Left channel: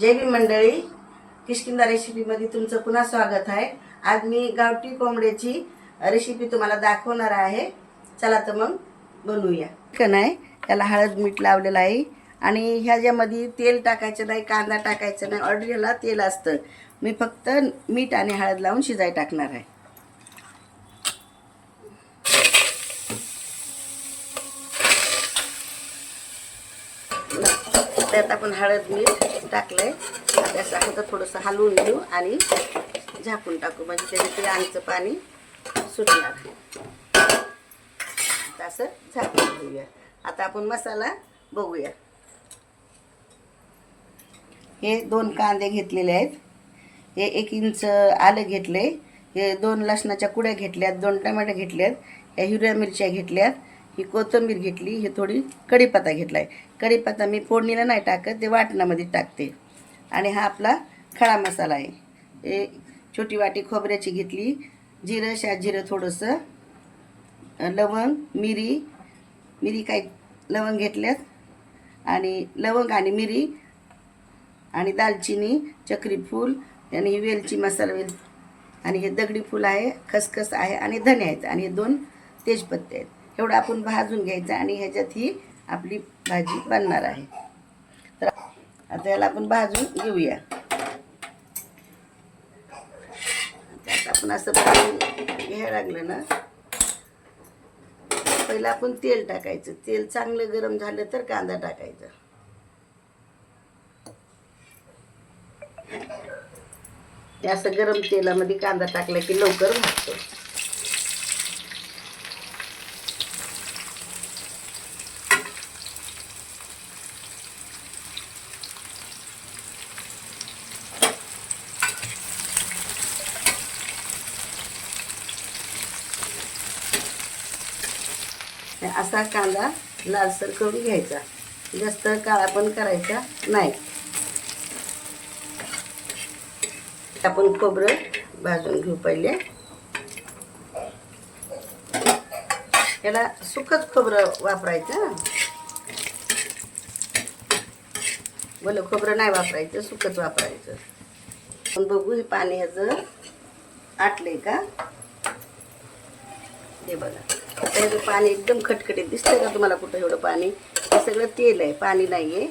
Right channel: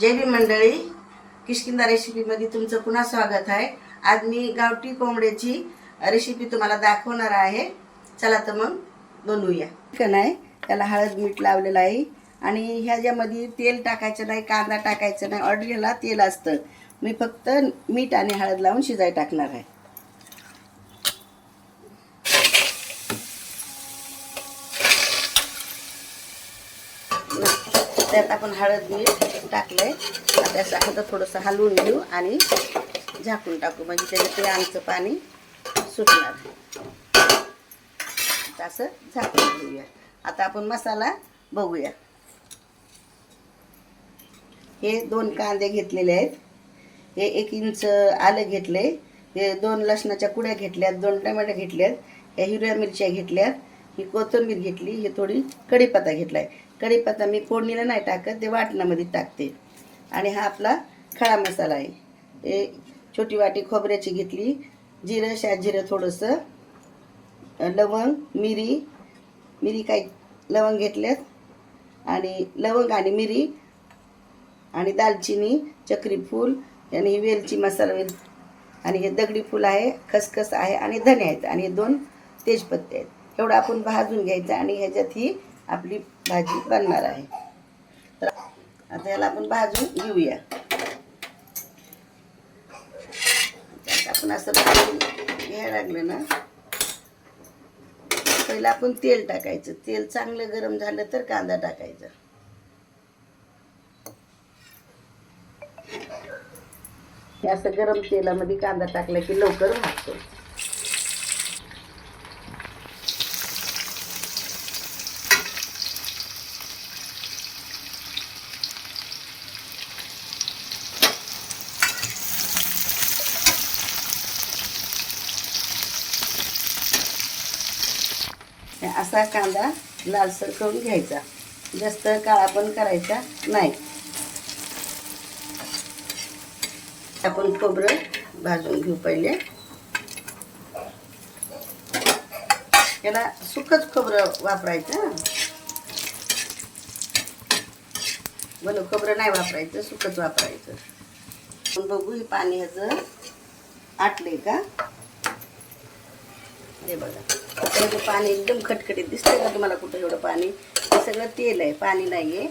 जय भीम मंडळी. किशकिंदा रेसिपीमध्ये तुमचं पुन्हा स्वागत आहे. आज मी गावठी कोंबड्याची रेसिपी तुम्हाला दाखवणार आहे. चला तर मग बनवूया. चिकन आहे त्याला हळद मीठ लावलेलं आहे. आणि ह्याच्यामध्ये तेल टाकायचं नाही कांदा टाकायचं नाही ऑर्डर ह्याला तेल असतं. मी फक्त मीठ आणि हळद लावून शिजाय टाकणार आहे. त्यात आपण हळद मीठ टाकलंय. आता असं आता थोडंसं हलवून घेऊ आणि झाकून टाकू. म्हणजे त्याचे ते आमचं पाणी सुटणार. असं झाकून घेऊया. आता आपण मसाला बघूया. हे दोन कांदे घेतलेले आहेत. हे एक इंच आलं घेतले हे दोन लसणाच्या कुड्या घेतल्यात दोन टमाटे घेतल्यात ह्या हिरव्या मिरच्या घेतल्यात ही कोथिंबीर घेतली हे थोडी कढीपत्ता घेतला आहे कढीपत्ता मी फोडणीला नाही टाकत ते वाटणामध्ये टाकते. आणि हा आपला खडा मसाला आहे. हे छोटी वाटी खोबऱ्याची घेतली जिरं शा जिरं थोडंसं लवंग मिरी मिरी काही लवंग घेतल्यात. आणि लवंग आणि मिरी आणि दालचिनी चक्री फूल आणि वेलची मसाला वेल. आणि हे दगडी फूल आहे खसखस आहे आणि धने आहेत. आणि हे दोन तेजपत्ते आहेत. एवढं आपण भाजून घ्यायचं आणि ह्याच्यात ही आपली भाजी बनणार आहे. तर आता याला आपण भाजून घेऊया. त्यात आपण असं भाजून घ्यायला लागलं ना पहिलं आपण तेल टाकायचं. तेल चांगलं गरम झालं तर कांदा टाकायचा. हे असं गरम तेलामध्ये कांदा टाकला की लवकर भाजतो. असा कांदा लालसर करून घ्यायचा. जास्त काळा पण करायचा नाही. आपण खोबरं भाजून घेऊ पहिले. याला सुकच खोबरं वापरायचं. बोल खोबरं नाही वापरायचं सुकच वापरायचं. पण बघू हे पाणी ह्याचं आटले का? हे बघा. आता पाणी एकदम खटखटीत दिसतंय का तुम्हाला कुठं एवढं पाणी? हे सगळं तेल आहे पाणी नाही आहे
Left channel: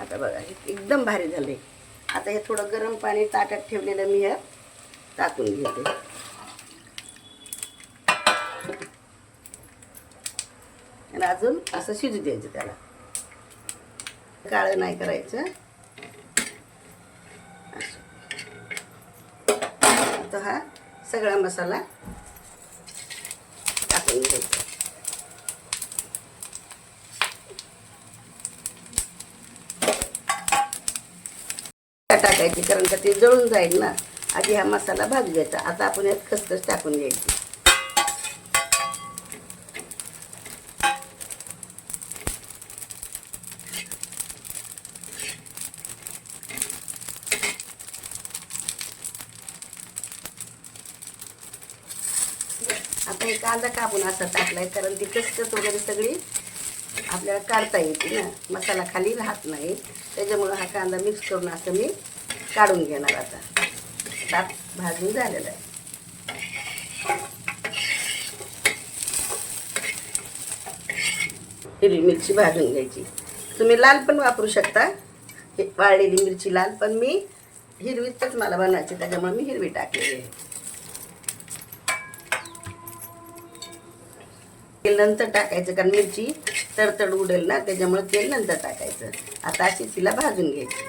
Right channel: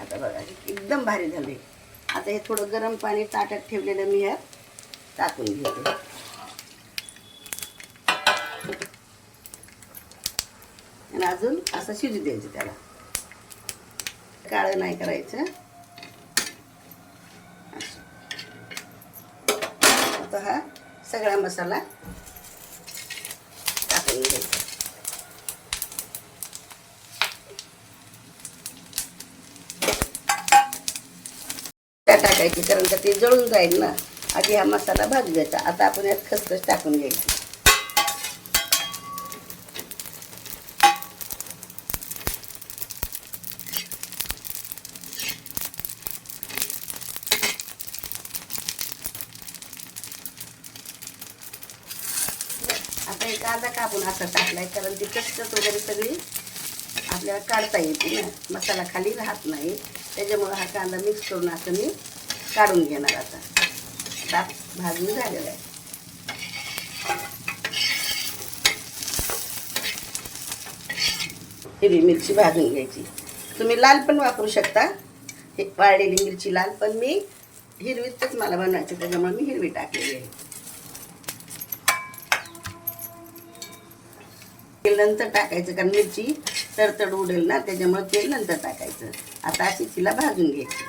आता बघा हे एकदम भारी झाले आता हे थोडं गरम पाणी ताटात ठेवलेलं मी ह्या टाकून घेते. आणि अजून असं शिजू द्यायचं त्याला. काळं नाही करायचं. आता हा सगळा मसाला टाकायची कारण का ते जळून जाईल ना. आधी हा मसाला भाजू द्यायचा आता आपण यात खसखस टाकून घ्यायची. आता हे कांदा कापून असा टाकलाय कारण ती कचकच वगैरे सगळी आपल्याला काढता येते ना. मसाला खाली राहत नाही. त्याच्यामुळं हा कांदा मिक्स करून असं मी काढून घेणार आता. ताप भाजून झालेला आहे. हिरवी मिरची भाजून घ्यायची. तुम्ही लाल पण वापरू शकता. हे वाळलेली मिरची लाल पण मी हिरवीच मला बनवायची त्याच्यामुळे मी हिरवी टाकलेली आहे. तेल नंतर टाकायचं कारण मिरची तडतड उडेल ना त्याच्यामुळे तेल नंतर टाकायचं. आता अशी तिला भाजून घ्यायची.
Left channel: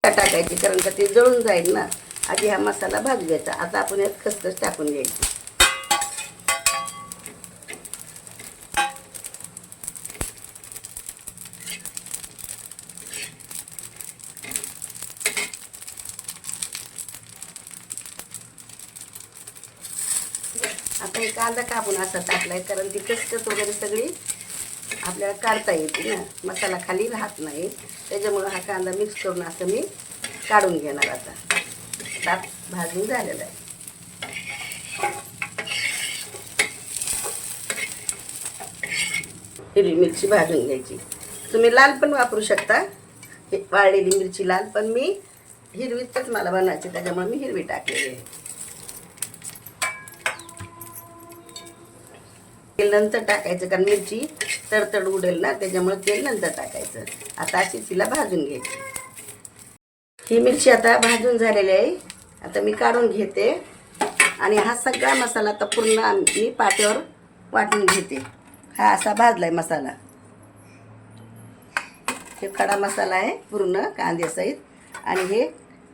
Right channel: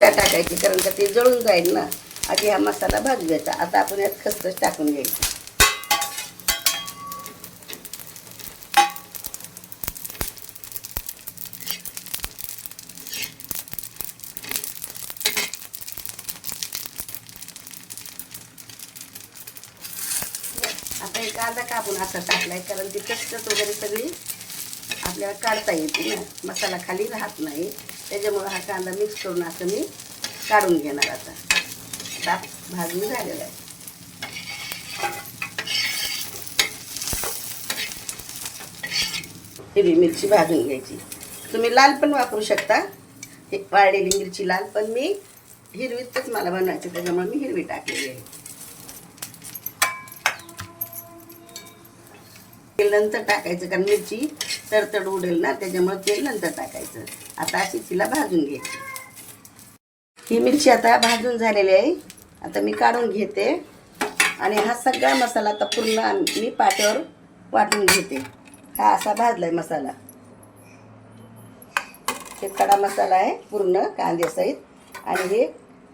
त्या टाकायची कारण का ते जळून जाईल ना. आधी हा मसाला भाजू द्यायचा आता आपण यात खसखस टाकून घ्यायची. कांदा कापून असा टाकलाय कारण ती कचकच वगैरे सगळी आपल्याला काढता येते ना. मसाला खाली राहत नाही. त्याच्यामुळं हा कांदा मिक्स करून असं मी काढून घेणार आता. ताप भाजून झालेला आहे. हिरवी मिरची भाजून घ्यायची. तुम्ही लाल पण वापरू शकता. हे वाळलेली मिरची लाल पण मी हिरवीतच मला बनवायची त्याच्यामुळे मी हिरवी टाकलेली आहे. तेल नंतर टाकायचं कारण मिरची तडतड उडेल ना त्याच्यामुळे तेल नंतर टाकायचं. आता अशी तिला भाजून घ्यायची. ही मिरची आता भाजून झालेली आहे. आता मी काढून घेते. आणि हा सगळा मसाला आता पूर्ण मी पाट्यावर वाटून घेते. हा असा भाजलाय मसाला. हे खडा मसाला आहे पूर्ण कांद्यासहित आणि हे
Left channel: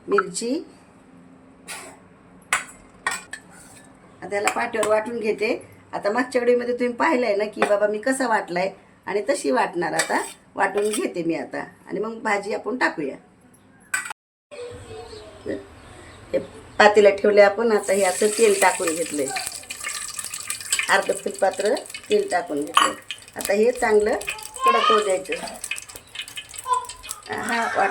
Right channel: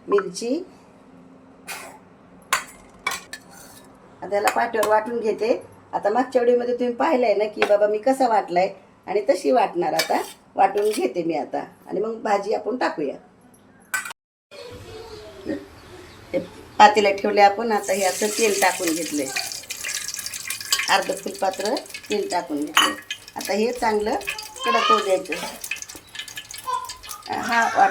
मिरची. त्याला पाट्यावर वाटून घेते. आता मागच्या वेळीमध्ये तुम्ही पाहिलंय ना की बाबा मी कसा वाटलाय? आणि तशी वाटणार आता. वाटून घेते मी आता. आणि मग भाजी आपण टाकूया. हे पातेला ठेवले आपण. आता हे असं तेल टाकून घेतले अर्ध फुलपात्र तेल टाकून घेतले आता हे चांगलं कडक होऊ द्यायचं. हा वाट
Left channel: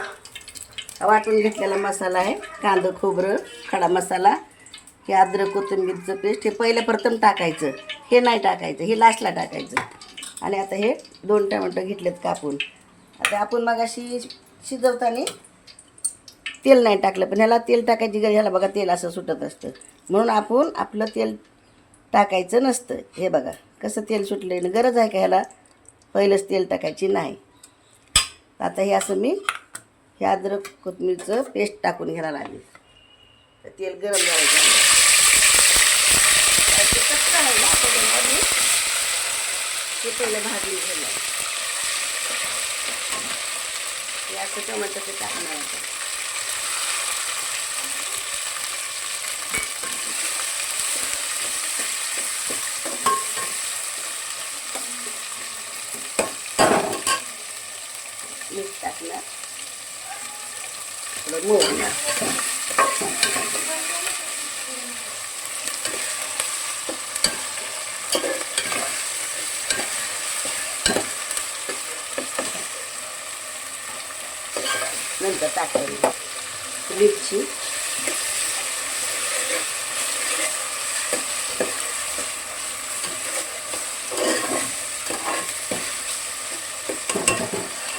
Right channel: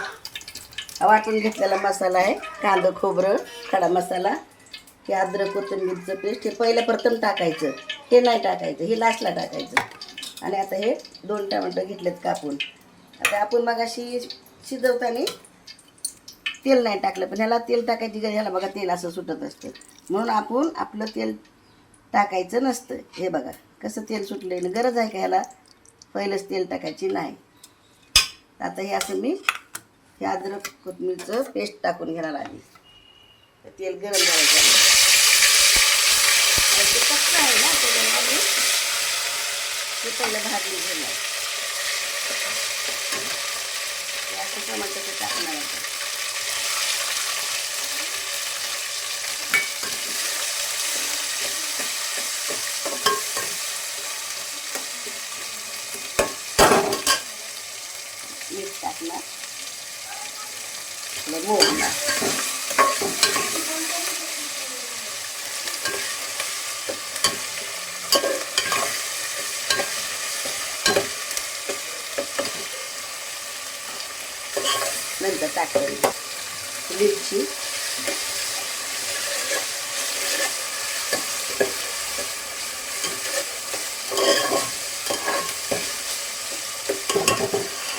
वाटून घेतलेला मसाला आहे. कांदं खोबरं खडा मसाला. हे अद्रक कोथिंबीरचं पेस्ट हे पहिलं प्रथम टाकायचं. हे नाही टाकायचं हे लास्टला टाकायचं. आणि आता हे दोन टमाटर घेतलेत कापून. आता आपण मग अशी शिजवताना तेल नाही टाकलं पण ह्याला तेल टाकायची गरज ह्याला बघा तेल असं सुटत असतं. म्हणून आपण आपलं तेल टाकायचं नसतं. हे बघा कसं तेल सुटलं गरज आहे का ह्याला? पहिलंच तेल टाकायची नाही. आता हे असं मी हे अद्रक कोथिंबीरचं पेस्ट टाकून घ्यायला लागली. तर तेल गरम करायचं. ते कच्चं आहे ना त्याच्यामुळे मी हे पहिलं भाजून घेणार. हे असं टमाटरचं टाकणार आता मीठ टाकणार थोडं मोडणार सुद्धा टाकायला मिरची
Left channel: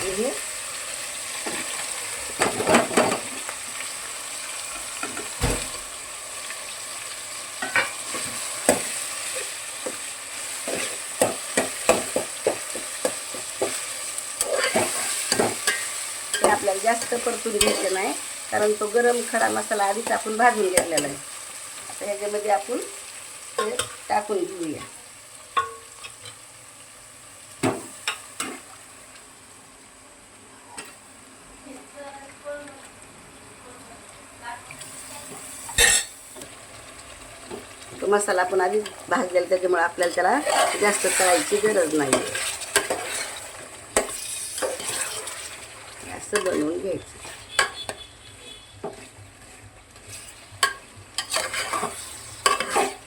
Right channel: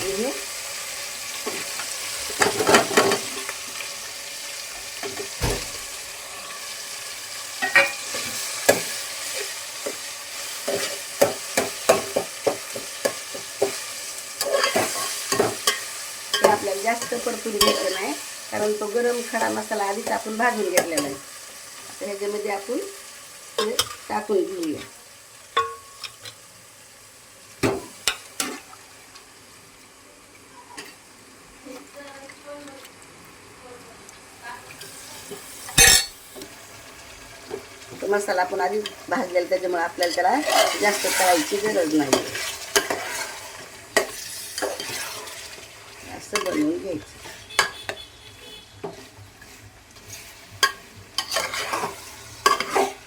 आणि हे हे आपल्याला जास्त परतून घ्यायचं नाही. कारण तो गरम खडा मसाला आधीच आपण भाजून घेतलेला आहे. आता ह्याच्यामध्ये आपण ते टाकून घेऊया. तो मसाला आपण आधीच भाजलेला त्याच्यामुळे आपल्याला त्याला जास्त तळायची गरज नाही असं बनवून घ्यायचं.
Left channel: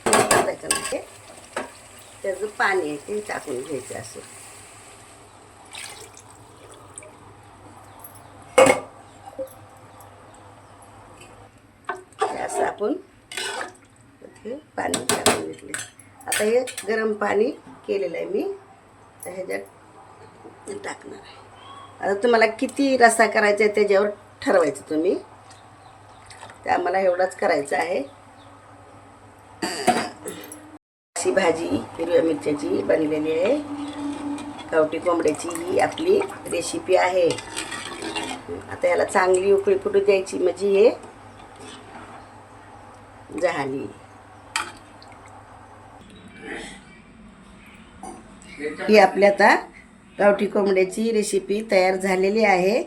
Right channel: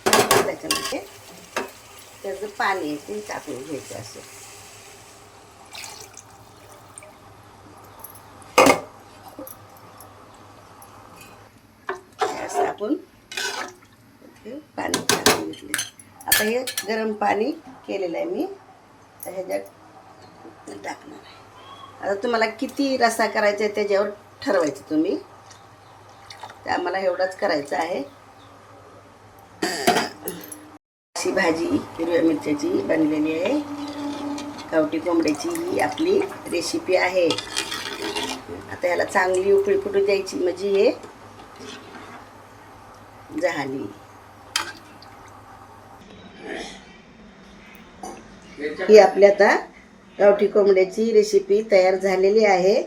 त्याच्यामध्ये त्याचं पाणी आहे ते टाकून घ्यायचं असं. असं आपण हे पाणी टाकून घेतले आता हे गरम पाणी केलेलं आहे मी. तर ह्याच्यात टाकणार आहे. आता तुम्हाला किती रस्सा करायचा आहे त्याच्यावर ठरवायचं तुम्ही. तर आम्हाला एवढाच करायचं आहे. अशी भाजी हिरव्या मिरच्याची बनलेली आहे. गावठी कोंबड्याची ही आपली रेसिपी आहे. आता ह्याला चांगली उकळी फुटू द्यायची म्हणजे हे झाली ही आपली आता गावठी कोंबड्याची रेसिपी तयार झालेली आहे.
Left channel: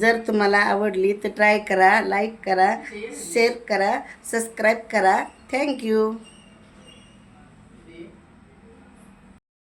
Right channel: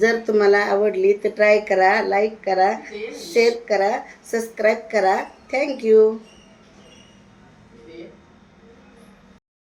जर तुम्हाला आवडली तर ट्राय करा लाईक करा शेअर करा सबस्क्राईब करा. थँक्यू